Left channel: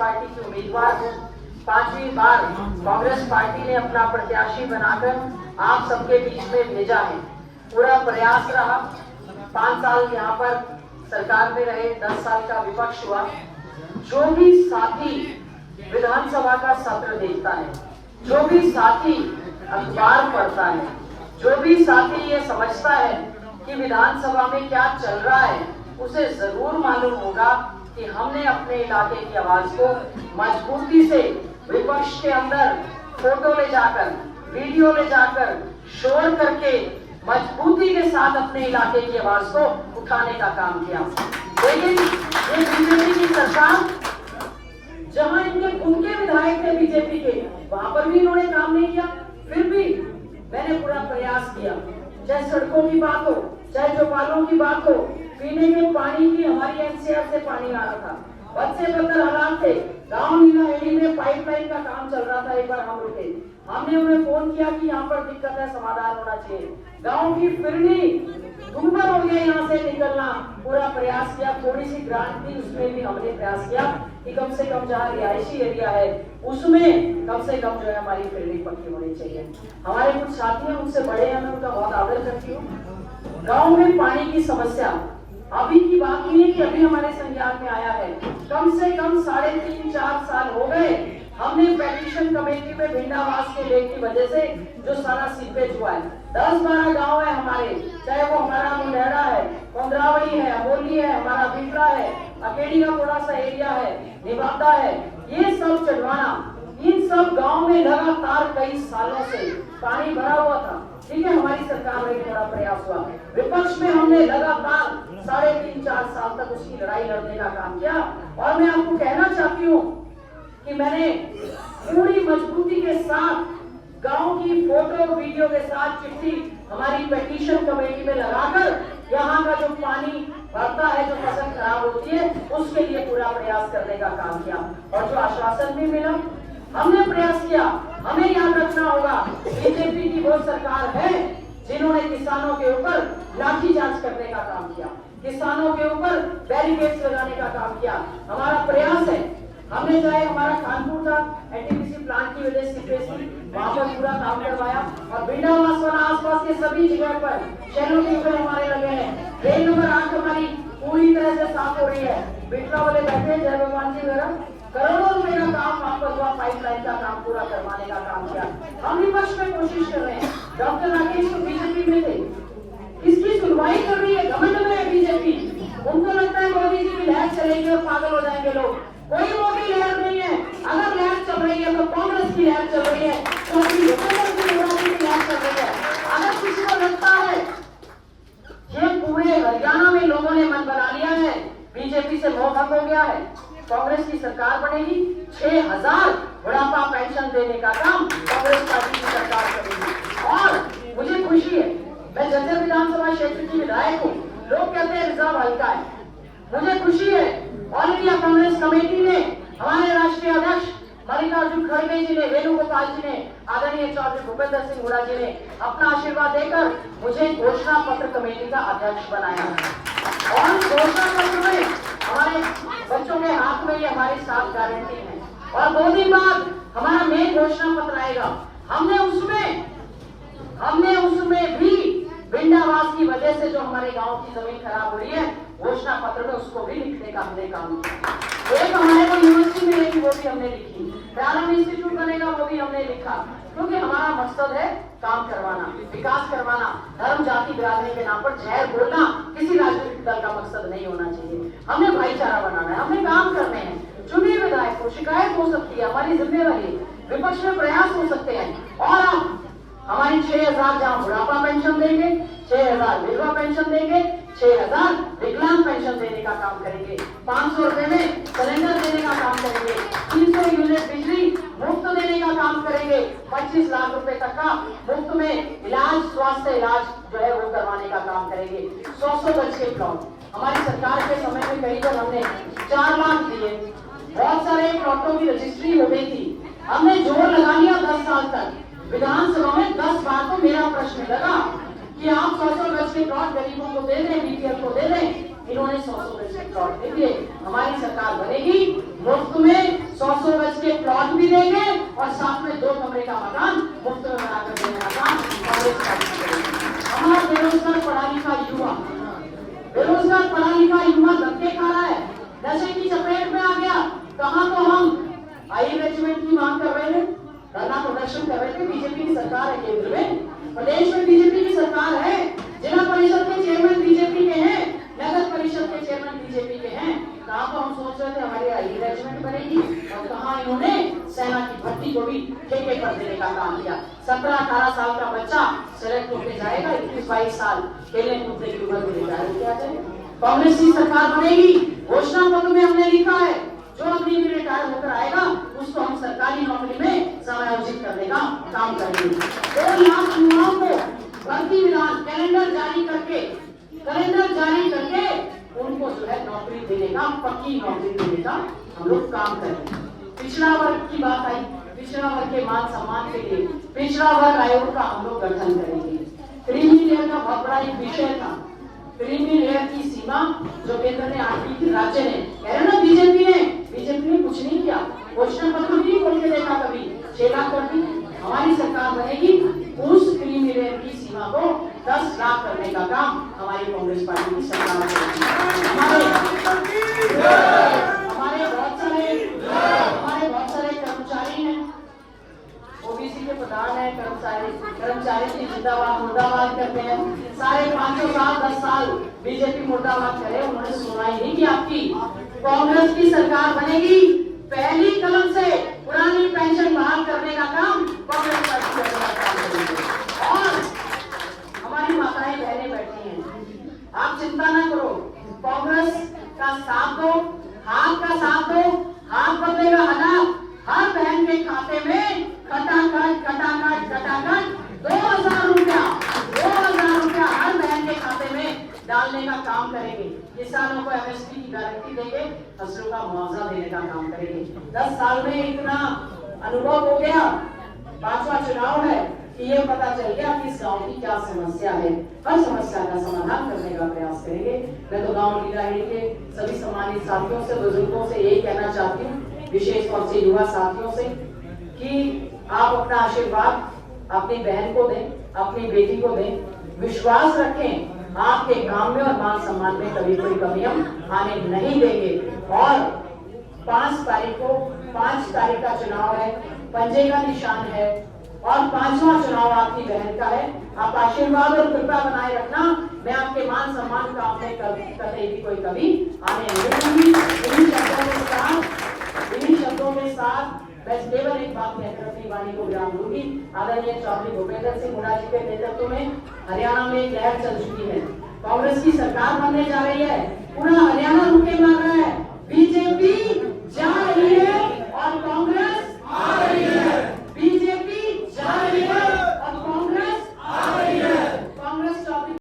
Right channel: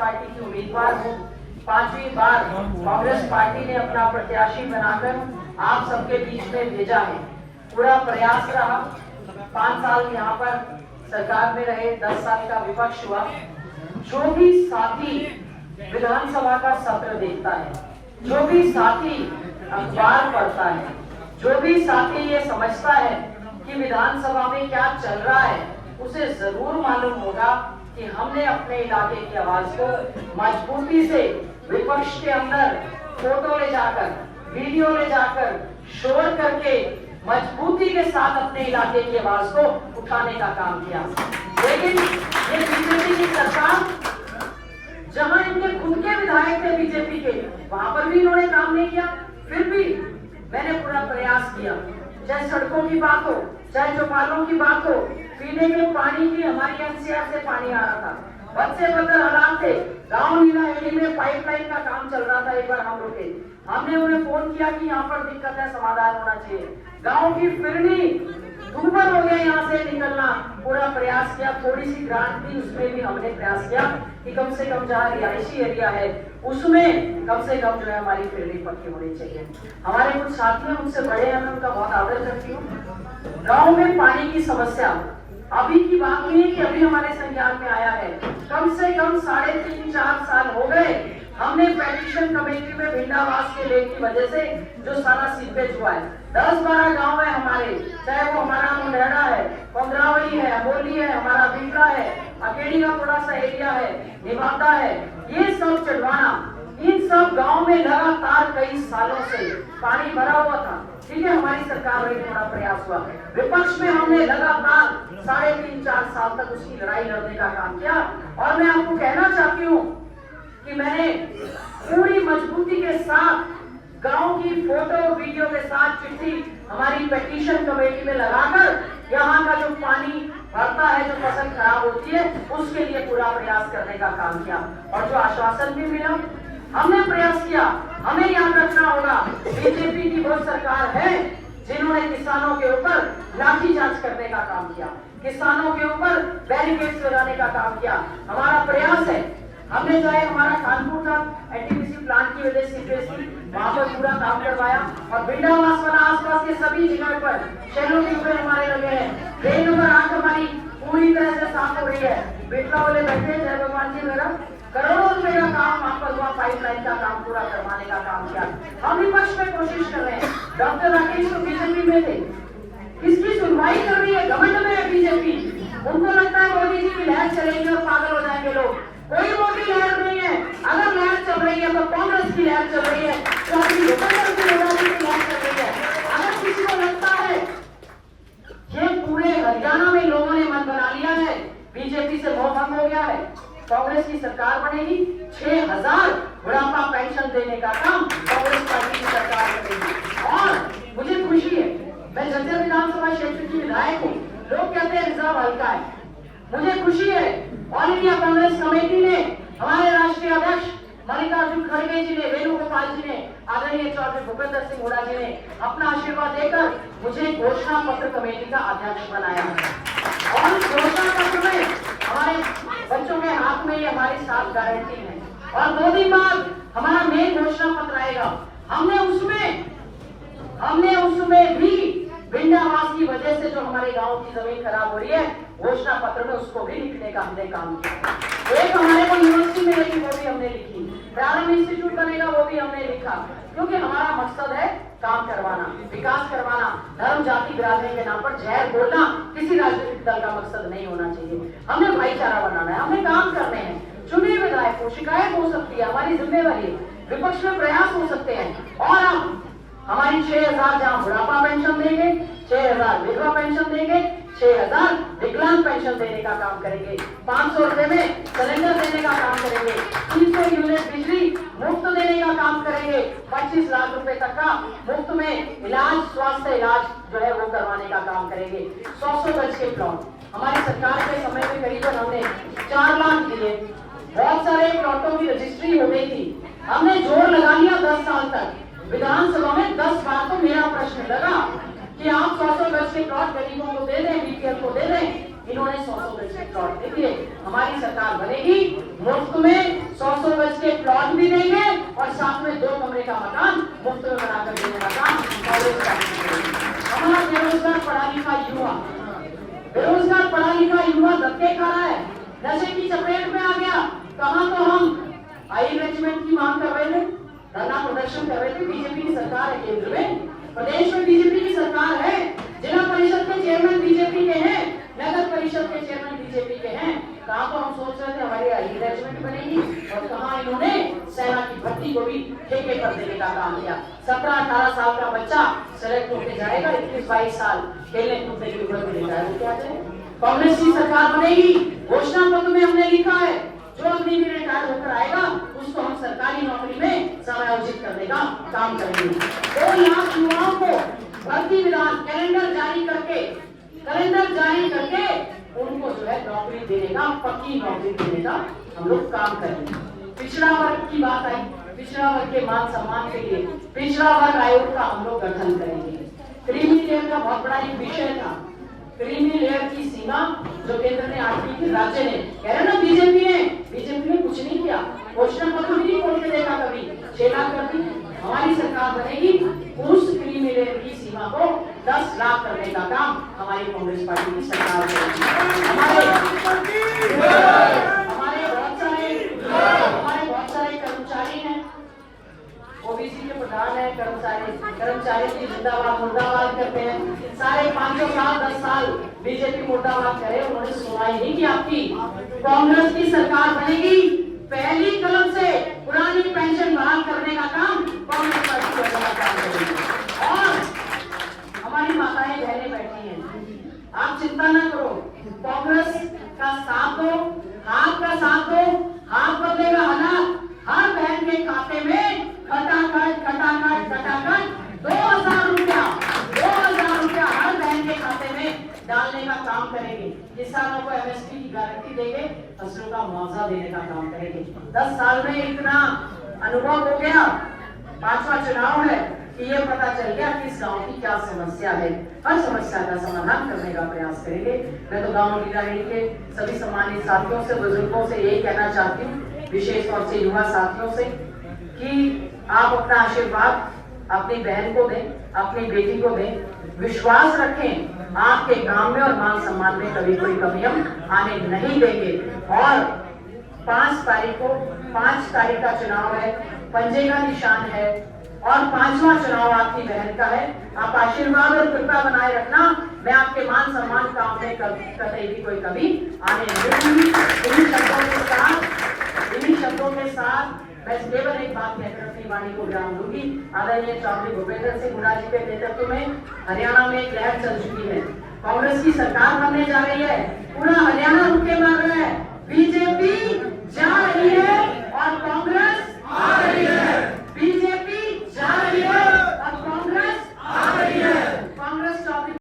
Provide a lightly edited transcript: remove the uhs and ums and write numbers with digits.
Party की उम्मीदवार हूँ। 5वीं बार कांग्रेस पार्टी ने अपना प्रत्याशी बनाकर आप सबके बीच में भेजा है। पूरा प्रयास रहा। 5 साल यहाँ पर सरकार में रहे, 10 साल का विपक्ष हुआ। जो भी साथी विधानसभा का सत्र देखता है, जो भी साथी अखबार पढ़ता है, जो भी साथी ये समझता है कि विधानसभा में क्या चल रहा है, उसे जरूर मालूम होगा कि हमने अपने इलाके की आवाज को मजबूती से विपक्ष के अंदर फोटो ले जाकर, वीडियो ले जाकर, शोर करके मजबूती के साथ अपने इलाके की आवाज को उठाने का काम किया। लेकिन ये बीजेपी की सरकार, जहां इनके खुद के विधायक थे बीजेपी के, वहां पर भी इन्होंने काम नहीं किया। फिर भी मैंने पूरा प्रयास किया, चाहे सड़कों की बात हो, चाहे चौपालों की बात हो, पीने के पानी की हमारी एनसीआर से पानी आ रहा था, बच्चे बदल हालात थे, गांव नीला एडी में पाइपलाइन का काम चल रहा था। एक बार हम रुके, हमने उन्हें फोन किया कि यहाँ पर दिक्कत है, समाधान होना चाहिए। गांव की फिरनी दूबर हो गया यहाँ से निकलना। पूरा प्रयास किया, थोड़ी सी ग्रांट थी, उसमें भी हमने प्रयास किया कि कम से कम जहाँ रिहायशी एरिया है उसमें कम से कम जो है हमारी फिरनी पक्की होनी चाहिए। हमारे कुछ साथी हैं, उनसे बड़े हैं, मैं उनका बहुत आदर करती हूँ। गाँव में पानी की समस्या अभी की बात नहीं है कि अभी हमारे संज्ञान में आया है, कम से कम 3.5-4 साल हो गए। हमने पेटिशन कमेटी में भिंडावास के लेक की वजह से जो सारा सीपेज हुआ है, 10-12 गांव है हमारे, चाहे वो हमारा मुंडेड़ा है, कोंदरावली है, अमोली है, हमारा बिंद्रा है, अकेडी का थोड़ा सा एरिया है, निवादा है, ये सब चढ़वाना, इन सब गांव में लगातार कई सालों से पानी भरा हुआ था। ठीक है, हमारी सरकार में थोड़ा प्रयास हुआ, विपक्ष में हमने लगातार 3.5-4 साल तक उसकी लड़ाई लड़ने का काम किया। और मैं आपको कहना चाहती हूँ कि मैंने पूरी मजबूती के साथ गांव की फोटो वीडियो के साथ चिट्ठी हमारी पेटिशन कमेटी में लगाकर यहाँ का जो पानी भरता है, जो फसल खराब होती है, उसके लिए पूरा प्रयास करने का काम किया। और जो आश्वासन भी मिला, हमने प्रयास किया। हमें याद रखना होगा, बीजेपी की वो सरकार है जिन्होंने किसानों के ऊपर लाठीचार्ज करने का काम किया, किसानों के ऊपर बैरिकेड्स लगाने का काम किया। हमारा प्रयास है, हमने चाहे हमारा कानपुर था, एनटीपीसी प्लांट की वजह से वहां पर पूरा काम करवाया, और भिंडावास वाला आसपास के सभी जगह पर शहरों के ऊपर हमारे लगे हैं। ट्रेन नंबर 8 हमारी पूरी तरह से साफ हो रही है, बेटला वाले बैठे, जय भगवान जी वगैरह, करोड़ों रुपए का काम वहां पर हुआ, पाइपलाइन का काम पूरा करवाने का काम किया। हम विपक्ष में कोशिश कर रहे हैं। डॉक्टर राकेश तो बीजेपी में थे, इसकी सुनवाई कर रही है, घमंड में है बीजेपी। उनको लगता है मोदी जी की लहर चलेगी और पागल हो जाएंगे लोग। कोई मोदी लहर नहीं है, अगर लहर चल रही है तो कांग्रेस की लहर चल रही है, तो अपनी की लहर चल रही है। अगर किसी को लगता है ये पूरे हरियाणा में लोगों ने मन बना लिया है, बीजेपी से मोह भंग हो गया है, कांग्रेस की सरकार बनेगी, 6000 बुढ़ापा पेंशन देने का काम कांग्रेस पार्टी की सरकार करेगी। और मुझे खुशी है, मैं जर्जर विधानसभा क्षेत्र की विधायक हूँ। लोग कहते हैं रिजर्व हल्का है, मुझे खुशी है ऑल इंडिया कांग्रेस कमेटी ने, हमारे राष्ट्रीय अध्यक्ष मल्लिकार्जुन खड़गे जी ने, वेणुगोपाल जी ने, आदरणीय चौधरी भूपेंद्र सिंह हुड्डा जी ने अपना आशीर्वाद देकर मुझे घोषणा पत्र कमेटी का अध्यक्ष बनाया। और घोषणा पत्र में हमारे बच्चों के हाथ में ये हमारी 7 गारंटी है, और 2 दिन बाद हमारा मेन घोषणा पत्र आएगा। हमने उसमें भी भिंडावास की वजह से जो हमारे गांव की जमीन खराब हो रही है, घोषणा पत्र में उसको भी लिखने का हमने काम किया। एक हमारे को यूनिवर्सिटी मिलेगी, वो भी हमने लिखी, प्रारंभ इंस्टीट्यूट बनेगा, वो भी हमने लिखा, क्योंकि हमारा मकसद है काम करवाना, विकास करवाना। धर्म जाति ग्रामीण के नाम पर जहर बोलना किसी राजनीतिक दल का मकसद नहीं होना चाहिए। हमें भाईचारा बनाना है, हमें काम करने हैं। चुने विधायक को शिकायत हो सकती है, हमारी जिम्मेवारी, विपक्ष में प्रयास हो सकते हैं। और हम हमारी 6000 जहाँ बुढ़ापा पेंशन देंगे, 6000 विधवा पेंशन देंगे, 6000 विकलांग पेंशन देने का काम करेंगे, 500 रुपए में सिलेंडर देने का काम करेंगे, 300 यूनिट बिजली मुफ्त देने का काम करेंगे, 25 लाख रुपए तक का मुफ्त में इलाज, स्वास्थ्य इलाज जो है वो करवाने का काम करेंगे। 100 गज के प्लॉट हमारी सरकार के समय में करीबन हमने 4 लाख दिए। बहुत सारे प्लॉटों की रजिस्ट्री हो गई थी, हमने जोर लगा लिया 10 साल तक। विधानसभा में 10 बार तो मेरा प्रश्न लगा कि आप 100 गज के प्लॉट गरीबों को दे दें, बीपीएल को दे दें, इन्होंने 100 गज के प्लॉट देंगे। हमारी सरकार बनेगी, मुफ्त में 100 गज के प्लॉट भी देंगे और साथ में 2 कमरे का मकान मुफ्त में बनाकर देने का काम कांग्रेस पार्टी करेगी। हमारा बेरोजगार पढ़ा लिखा युवा धक्के खा रहा है, नशे की चपेट में आ गया। कहाँ तो हम हाई रेजिमेंट की मांग कर रहे थे, धरना प्रदर्शन कर रहे थे। बीजेपी की सरकार है केंद्र में, प्रदेश में बीजेपी की सरकार है, जिला परिषद के चेयरमैन बीजेपी के हैं, नगर परिषद के चेयरमैन बीजेपी के हैं। कहाँ तो हम सोच रहे थे हमारी हाई रेजिमेंट बनेगी और कहाँ इन्होंने सेना की भर्ती को भी ठेके पर देने का काम किया। 17-18 साल का बच्चा सेलेक्ट होकर जाएगा, 21-22 साल खेलने कूदने की उम्र में जाएगा। क्या करें? कांग्रेस की सरकार बनेगी, घोषणा पत्र में हमने लिखा है जो अभी भी रिटायर होकर आएगा उसको हम सरकारी नौकरी में समायोजित करने का काम करेंगे। 2 लाख युवाओं को भर्ती विधान कैलेंडर जारी करके उनको जो है नौकरी देने का, पक्की नौकरी देने का हम लोग काम करेंगे। पिछड़ा वर्ग की बात आई, पिछड़ा वर्ग के मान सम्मान के लिए पिछड़ा वर्ग आयोग का हम लोग गठन करेंगे। क्रीमी लेयर का बहुत बड़ा एक विषय था, क्रीमी लेयर की सीमा जो केंद्र ने आज की थी, राज्य ने कह रहे ना बीजेपी ने कुछ नहीं किया, घोषणा पत्र भी नहीं खोल के देखा, कभी 6 लाख कर दी। हमारी सरकार बनेगी, उस क्रीमी लेयर की सीमा को 10 लाख करने का काम हमारी कांग्रेस पार्टी की सरकार करेगी। हमारे बहुत सारे कर्मचारी हैं, ओबीसी के प्रधान है, कर्मचारी की जिंदाबाद मुर्दाबाद करते हैं। सारे 5 साल 10 साल बीजेपी मुर्दाबाद करे, उन्होंने सुनवाई नहीं की आपकी। कांग्रेस की सरकार बनेगी, पहली कलम से पुरानी पेंशन बहाल करने का काम कांग्रेस पार्टी करने का काम करेगी। और हमारी माताएं बहनें बैठी हैं, आप चिंता न करो, कांग्रेस का साथ दो, हाथ का साथ दो, हाथ बदलेगा हालात। हर बहन के खाते में खटाखट 2000 रुपया हर बहन के खाते में डालने का काम करेंगे। किसानों को एमएसपी की गारंटी देंगे, फसलों का मुआवजा देने का काम करेंगे। 10 साल में इतना अनुभव हो गया, 5वां चुनाव है कि ये पता चल गया कि इस गांव की क्या समस्या है। हर समस्या का समाधान करने का प्रयास करेंगे। मैं तो गांव लीलाहेड़ी के सभी सम्मानित साथियों से, बुजुर्गों से यही कहना चाहती हूँ, विशेष तौर से युवा साथियों से, कि आप अपना आशीर्वाद अपनी बहन को दें, अपनी बेटी को दें। विश्वास रखें, आपके गांव में और मान सम्मान में कभी कोई कमी हम आने नहीं देंगे। और 5 तारीख का चुनाव है, पंजे का निशान है और 5वां चुनाव आपकी बहन का है। आप आशीर्वाद और कृपा बनाए रखना, मैं आपके मान सम्मान काम में कतई भी कोई कमी आने नहीं दूंगी। इन्हीं शब्दों के साथ मैं केवल एक बात कहकर अपनी वाणी को विराम दूंगी। आदरणीय चौधरी भूपेंद्र सिंह हुड्डा जी के नेतृत्व में हरियाणा में एक लहर चल चुकी है, कांग्रेस की सरकार बनने जा रही है। पूरा